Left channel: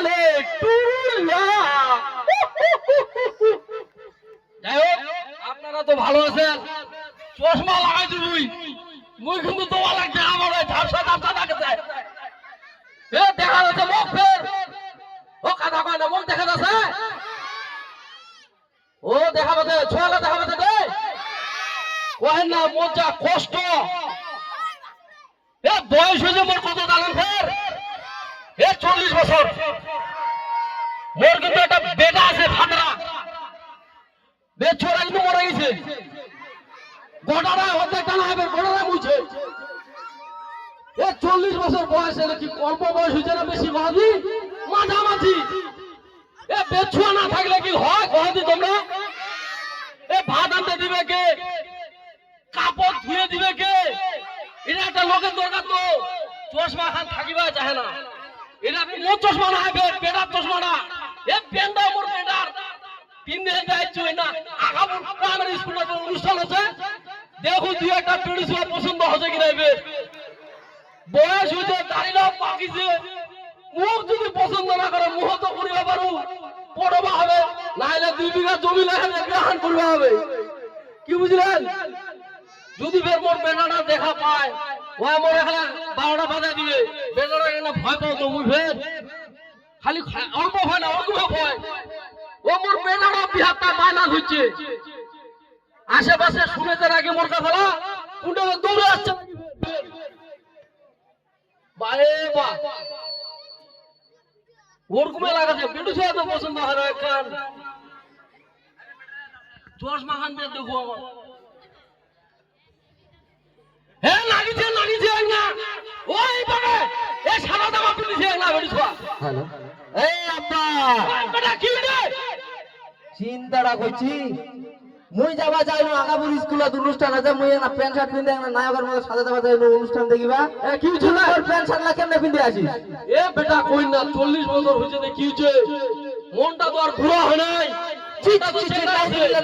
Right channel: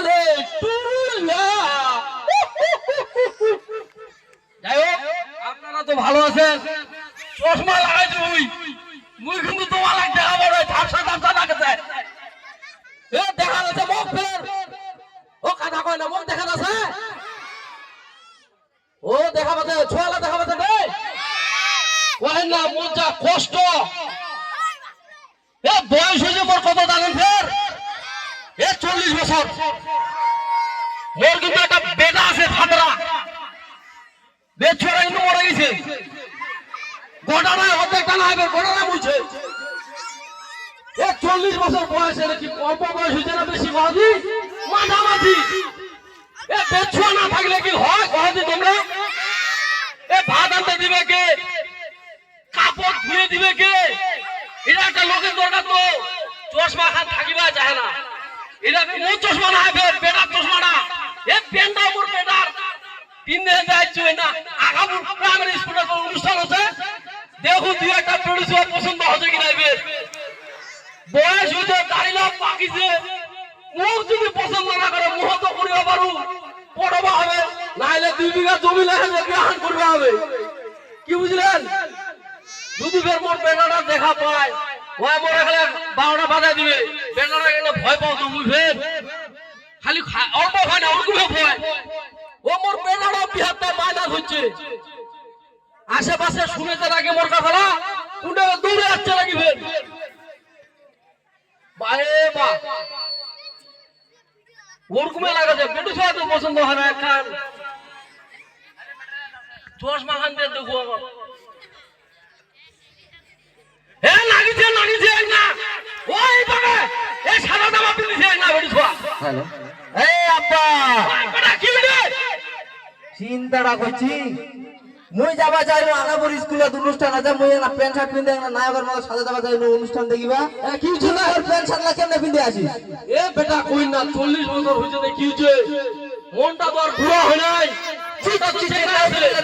বলে টুরুলা। যাই হোক আপনারা তো ভালো আছেন। চশমা লাগাইছি মুই কিন্তু তোমার লাগছে আমার ওই ঝাপসা ঝাপসা লাগছে। এ দেখা যাচ্ছে মুখ ফের ও কথা কয় না মুখ দেখা যাচ্ছে ও দেখা যাচ্ছে ছোয়ালা দেখা যাচ্ছে রে কয় না মজা কষ্ট। এ বয়স হয়েছে মোর কত জানেন ফের এ 40 বছর। মোর কিন্তু একটা বেটা আছে ফাটরা বেছরা কিন্তু মরে গেছে গোটাটা হতে টানা হবে গোটাটা বুঝছে। এ 40 বছর বয়স এর কি অল্প বয়স হয়েছে না বেশি মাঝি মাঝামাঝি। এ বেছুয়া না থাকলে কি হয় কহদি তোমরা? এ ভাত আনতে দিবে কে কাপড় ধুয়ে দিবে কে? এটা একটা লোকের দরকার তো চশমা খান থাকিবা চাহে না। এটা মোর চশমা না বেটার চশমা না এ পেনটা মোর বেটার 3 দিন যাইছো না আগামী প্রাইমারি স্কুলে অনুষ্ঠান হচ্ছে দেখো দুই একটা প্রডিউসার পছন্দ হচ্ছে কিনা এবে বয়স হইতে দাঁড়িয়ে পাকিছে মুখ যদি পছন্দ না করে মুহ তো করিবা পারু পড়বা হবে নাইলে 2 বিঘা জমি লাগালে বিয়ান করবা হবে কি বুঝলেন? যদি ফের মোর বেটাটা দেখা পায় ওই মোর এখানে 12টা বাজা দিবে বেটাটা এখানে ভয় পাও তো মুই ফের খালি অল্প হয় না অল্প ভয় ও মোর বেটাটা বিহারটা মাইনাস হচ্ছে আশেপাশে শুনেছে নাকি মোর কথা কোনটা দৌড়ে আসছে নাকি ফের বারে বা ওরকমই লাগাছে বেটু সবাই তো পছন্দ হয় না একখান চশমা খান দিয়ে দেখো আমার এ লাগিছে না ওই বাবা এ সাদা জামা পিন্দিছে না বেটু সবা হ্যালো এই আব্বা বেটা কি রে চিন্তাটা করছি মুই যাবা যাই না আগাপুর স্কুলে অনুষ্ঠান আছে মুই না প্যান্ট শার্ট পিনতে না নায়কের মতো সাজা যাবা যাই অনুষ্ঠান দেখিবা কি হইছে তুই ওর প্যান্ট শার্ট লা কেমনে পিনতে আসিস? এ বেটা কই না 40 বছর হইছে রে কি হইছে মনটা তো আর বুড়া হয় নাই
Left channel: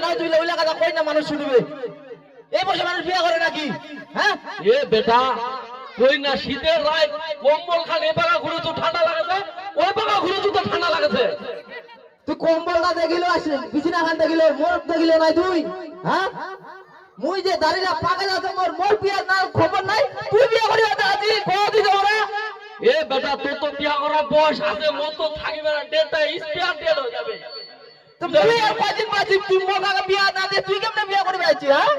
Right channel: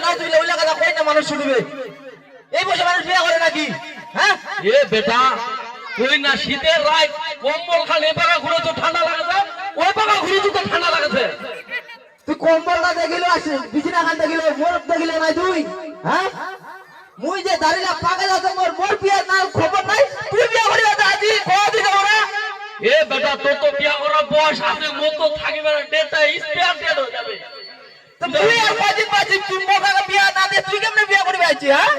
না তুই ওই লাগা কই না মানুষ শুনবে এই বসে মানুষ বিয়া করে নাকি? হ্যাঁ এ বেটা কই না শীতের রাত কম্বল খান এ পাকা ঘুরে তো ঠান্ডা লাগেছে ওই পাকা ঘুরে তো ঠান্ডা লাগেছে। তুই কম্বলটা দেখিলো আসিস বিছানা খান দেখিলো মোর দেখিলো নাই তুই? হ্যাঁ মুই যে দাঁড়িলা পাগল আছে মোর বিয়া না খবর নাই তুই বিয়া করিবা তা আজি কই দিছ ওরা? এ বেটা তোর তো বিয়া করার বয়স আছে মোর তো থাকিবে না ডেটটা স্পেয়ার ডেট হয়ে যাবে। তো তুই আর কদিন বাঁচিস তুই মোকাকে বিয়া না দে তুই কেমনে বিয়া করবি আইছি? হ্যাঁ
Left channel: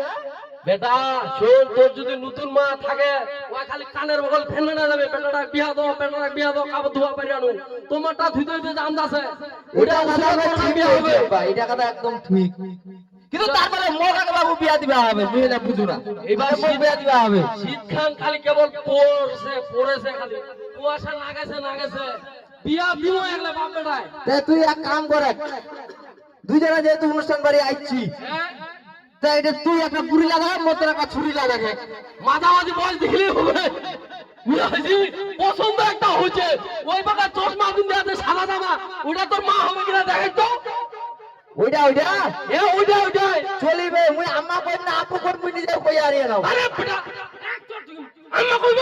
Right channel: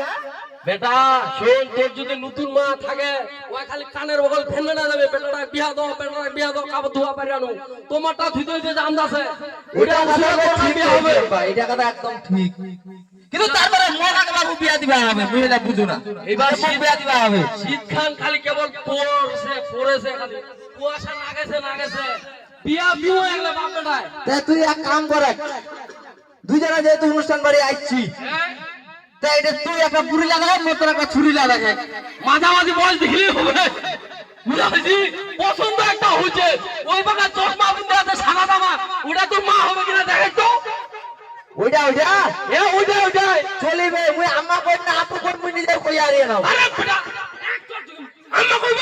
বেটা শোন তোর যদি নতুন মা থাকে ওই খালি কানের বগল ফেলে না যাবে বেটাটা বিয়া দাও কাপড় ধোয়া পারি আনো তোমারটা ধুইতে হইতে যে আন্দাজে ওইটা কথা ঠিক হবে ভাই এটা কথা একদম ঠিক কিন্তু তারপরে মোকাকে বাবু বিয়া দিবা হবে তুই এটা বুঝু না এবার বিয়া দিবা হবে শীতখান খালি কেবল পড়েছে খালি কুয়াশা না গেছে বিয়া বিও এগুলা বাপ বেটায় তে তুই এক কাম কর দুজনে যেহেতু অনুষ্ঠান বাড়ি আইছি তা এটা তুই একটা পুরি লাগা মতো একটা ছুরি লাগা মাঝামাঝি বয়স দেখলেই হবে বুঝাইছি পছন্দ একটা হয়েছে ওই বাবা চশমা পিন্ধে আছে সাদা জামা ওটা তোর মা হবে কিনা দেখাই তো ওইটা এ ওইটা চলিবে মুই আম্মা কই না আপু কই মুই নিজে কই আরে নাও আরে বেটা আম্মা কইব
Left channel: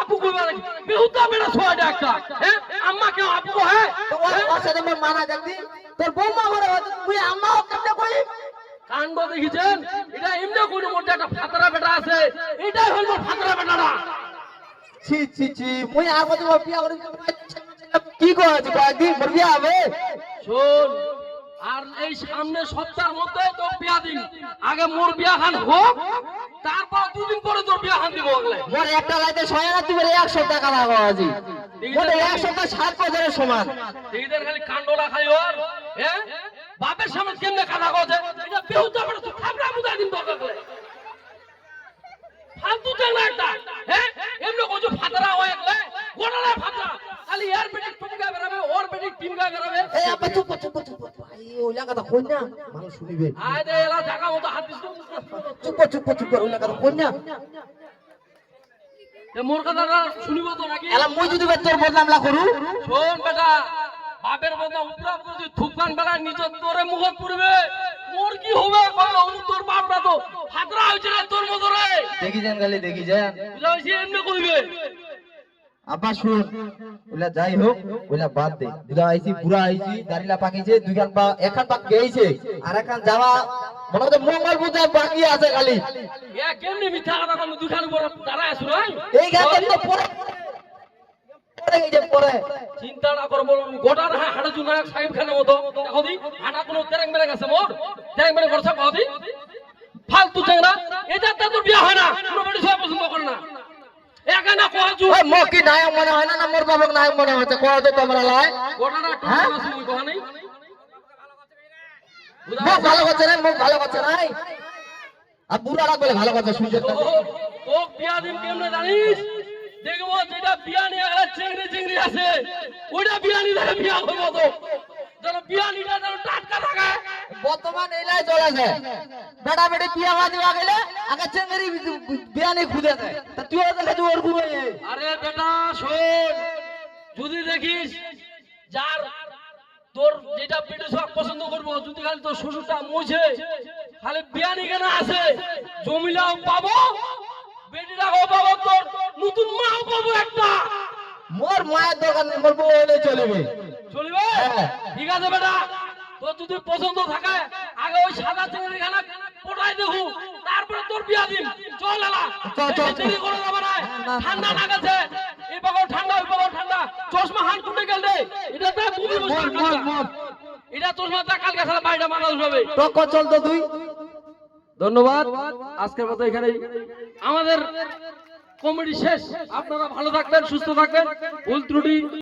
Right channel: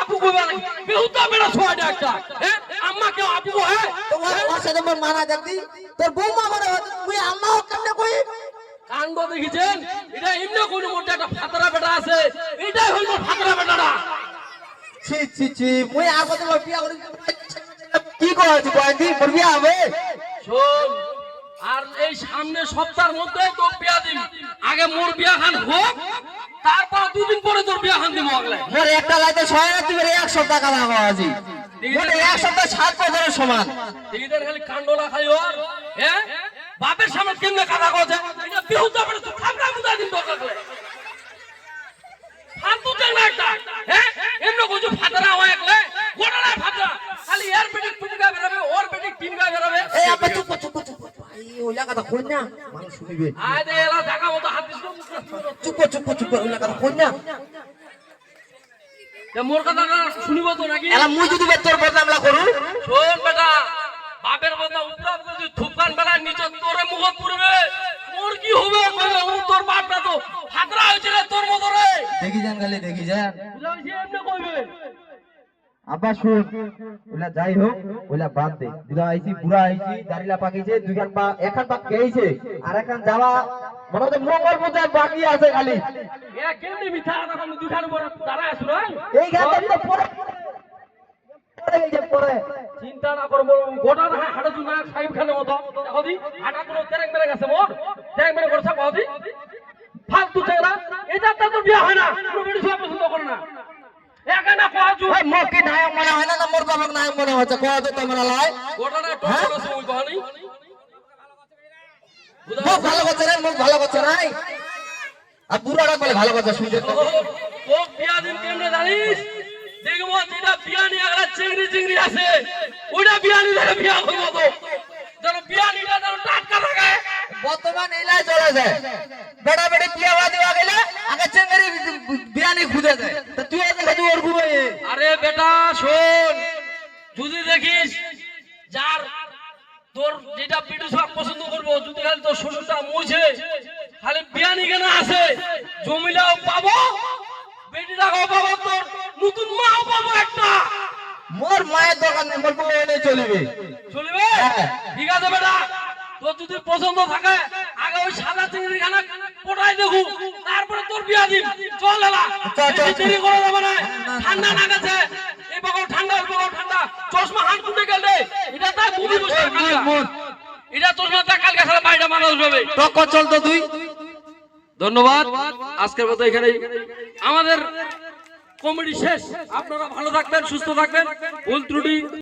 আপু কইবা বেহুতা বেটা ছয়টা একটা হ্যাঁ আম্মা কেউ আপু হ্যাঁ তো ওর সাথে মোর মানা যাতি তোর বৌমা মরে মুই আম্মা কেমনে কই কাণ্ড দেখিছেন এটা এমনি কোন মধ্যে একটা ফাতরা বেটা আছে এটাই হল মোর ফাতরা বেটাটা ছি মুই আর কত বিয়া করি কি কইছি কয়দি মোর বিয়া হবে শোন আর এই সামনে সপ্তাহের মধ্যে তোর বিয়া দিবি আগে মোর বিয়া খান হোক তারপর 2 দিন পরে তোর বিয়া খান দিব আগলে মোর একটা লাইতে 6 রাত দিবে 1 সপ্তাহ কানা কওয়াজি মোর 1 সপ্তাহ 7 বছরের সমান এইটার খালি কাণ্ডলা খাই ওর হ্যাঁ বাপের সামনে কেমনে কথা কইছে এটা বেহুতা বেটা তো খাবরা বুঝা দিন দরকার করে ফালতু দেনা একটা হ্যাঁ এমনি কইছো ফাতরা হয় একলে গোড়ালা ফাতরা খালি এর পেটে টুমগা বেরাবে ওর পেটে টিমগা বেরাবে এই আপা চুপ ভাই ওইলা কথা কই না মানুষ শুনিবে আয় দে এলা দেখা মতো হাত দিস চুপ ওইলা কথা কই না এ মোর কথা শুনিব তো নাকি এলা মুই যদি তোর বদনামলা করু শোন বেটা বাপের কথা উত্তর করে থুকান বেড়ায় নিচে তোরে মুখ পুরবে মোর কি হবে কইরা তোর বাপটা তো ফাতরা হইছে রে তোর মতো রে দেখি যান গালি দেখি যান বুঝাইছি এমনি কইবে আব্বা শুন, ওলা যাই হোক ওলা বাদ দে। দুলা আইছি বুড়া আইছি, দাড়িলা পাকিছে, দুইখান পা একখান পা গেইছে, আর একখান যাওয়া মনে হচ্ছে মঙ্গল পূজার বাকি আছে খালি। এ কেমনি মিথ্যা কথা তুমি দুখান উপর দাঁড়ায় আছো না? এই গাছের তো পরে পরে গেছে পরে। চিন্তা না করো বলো গোটা না হাড়ে জুনা সাহেব খানের মতো দেখো দি হাঁটা কোনো তেরেং মেরে গেছে মোর তেরেং মেরে করছে কও দি ফালতু চেংরা এটা তো বিয়া হয় না কোনো বেটি সব পছন্দ করে না একানা কোয়াজু ওই মকি নায়ক মনে হয় না, মোর বাবুক নায়ক মনে হচ্ছে। কোয়া তো তোমরা লাই গোটা না টোটো আছে ওই কথা নেই মুখ ভালো করছে না, মুখ ভালো করছে নাই। আর বুড়ারা বলে ভালো কথা শুনতে তো। ও বিয়া দিন কেমনে জানিস দেখবো যেটা বিয়া নিয়ে একটা চেংড়ি চেংড়ি আছে ওইটা বিয়া নিয়ে বিয়া করবো তো যেন বিয়া নিয়ে যেন টাটকা থাকে বর্তমান এলাই চলেছে, বেটা বেটি বিয়া বাদি হয়ে গেলে আগে চেঙ্গারি বিয়ানি খুঁজে যায়। তা তুই আগে তুই ওর ঘুরে আরে বেটা শোন যদি দেখিস যার তোর যেটা পিটু সব পছন্দ করবো যদি খালি তোর শ্বশুরটা মরছে খালি বিয়ানি কেন আছে জমিলাও পাবো বেটিটাও পাবো তোর নতুন মাও পাবো একটা মোর মায়ের দোকান নেই, মোর বউ এলে চলবে। চলবে হ্যাঁ। ঠিক আছে বেটা তোর যদি পছন্দ থাকে আগে ওই সাদা চিংড়ি খানা পটাই দেখু তারপরে তোর বিয়া দিন চল এলা চল, চল, চল। দেরি করে যাবে না ঠান্ডা না গেছে এই বগল ঠান্ডা ওই বগল ঠান্ডা চশমা হাত কুটে গেল রে এটা তাই বুঝি বসে এটা চশমা তা কালকে সারা বাইরে মানুষ হবে টক্কর চল তো তুই। ধন্যবাদ আজকের মতো এখানে আমাদের কমেডি শেষ আপনারা ভালো থাকবেন সুস্থ থাকবেন ভুল ত্রুটি